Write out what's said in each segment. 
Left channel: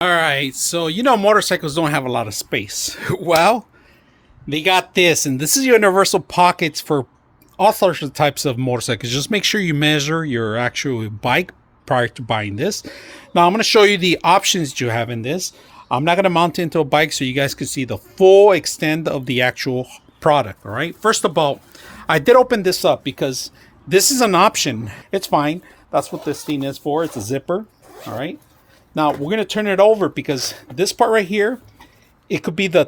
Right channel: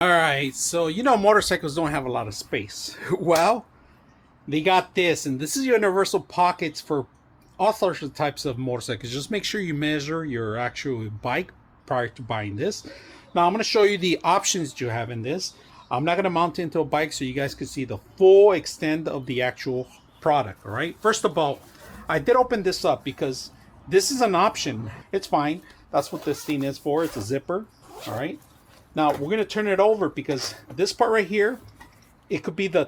All right, so you know motorcycles don't have a lot of space. Well, they got this, and this is universal pockets for all sorts of types of motorcycles. Just make sure you measure your actual bike prior to buying this. Now, I'm going to show you the options you have in this. I'm not going to mount it into a bike so you guys can see the full extent of the actual product. All right, first of all, I did open this up because this is an option. It's fine. That's what this thing is for. It's a zipper. All right. Now we're going to turn it over because this part right here, it could be the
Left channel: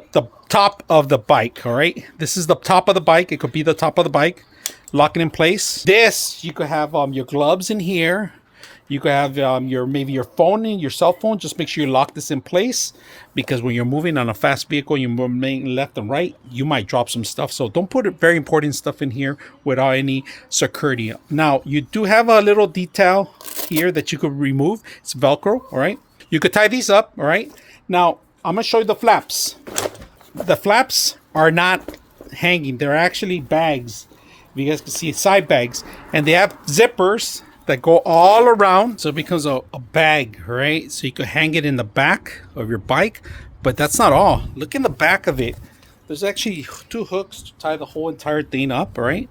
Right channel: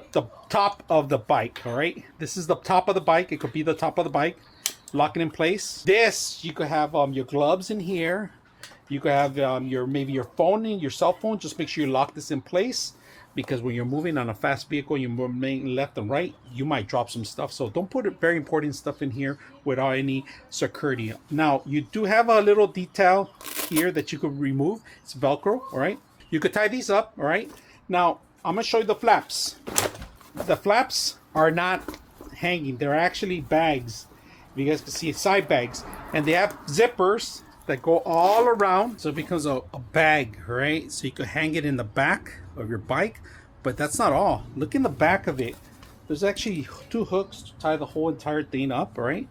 top of the bike. All right, this is the top of the bike. It could be the top of the bike. Lock it in place. This, you could have your gloves in here. You could have your maybe your phone and your cell phone. Just make sure you lock this in place, because when you're moving on a fast vehicle, you're moving left and right, you might drop some stuff. So don't put very important stuff in here without any security. Now you do have a little detail here that you could remove. It's Velcro. All right, you could tie these up. All right, now I'm gonna show you the flaps. The flaps are not hanging, they're actually bags. You guys can see side bags, and they have zippers that go all around, so it becomes a bag, right? So you could hang it in the back of your bike. But that's not all. Look in the back of it, there's actually two hooks to tie the whole entire thing up, right,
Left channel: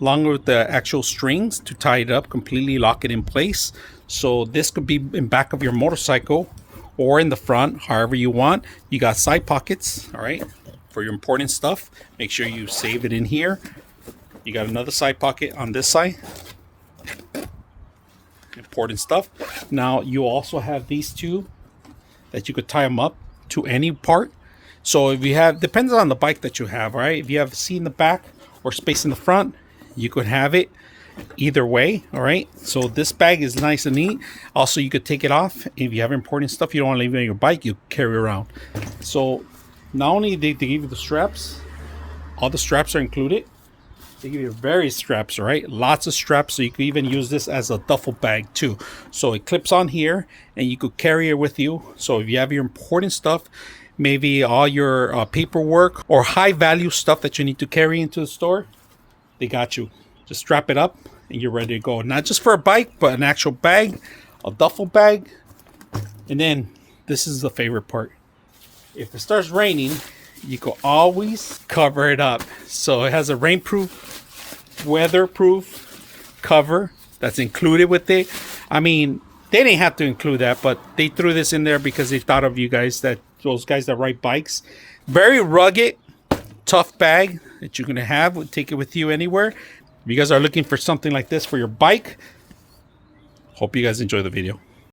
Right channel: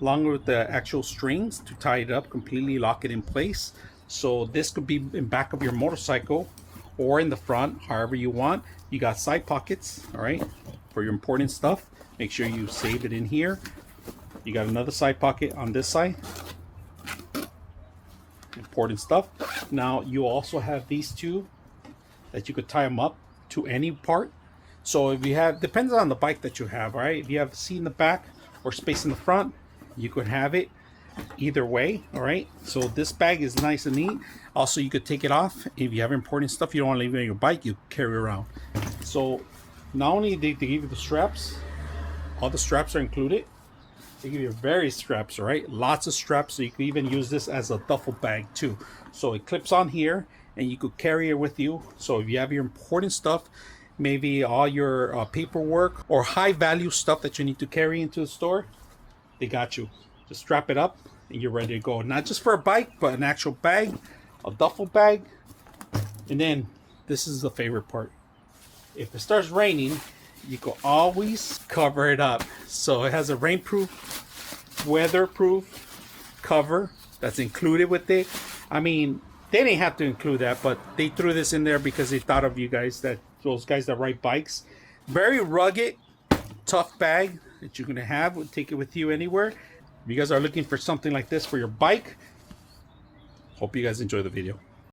along with the actual strings to tie it up completely, lock it in place. So this could be in back of your motorcycle or in the front, however you want. You got side pockets, all right, for your important stuff. Make sure you save it in here. You got another side pocket on this side, important stuff. Now you also have these two that you could tie them up to any part. So if you have, depends on the bike that you have, right? If you have a seat in the back or space in the front, you could have it either way. All right, so this bag is nice and neat. Also, you could take it off if you have important stuff you don't want to leave it on your bike, you carry around. So not only they give you the straps, all the straps are included. They give you various straps, all right, lots of straps. So you could even use this as a duffel bag too. So it clips on here and you could carry it with you. So if you have your important stuff, maybe all your paperwork or high value stuff that you need to carry into the store, they got you. Just strap it up and you're ready to go. Not just for a bike, but an actual bag, a duffel bag. And then this is the favorite part. If it starts raining, you can always cover it up. So it has a rainproof, weatherproof cover that's included with it. I mean, they didn't have to include that, but they threw this in there because they thought of you guys, that those guys that ride bikes. Very rugged, tough bag that you're gonna have. Take it with you anywhere. If you guys are looking for something like this for your bike, hope you guys enjoy the video.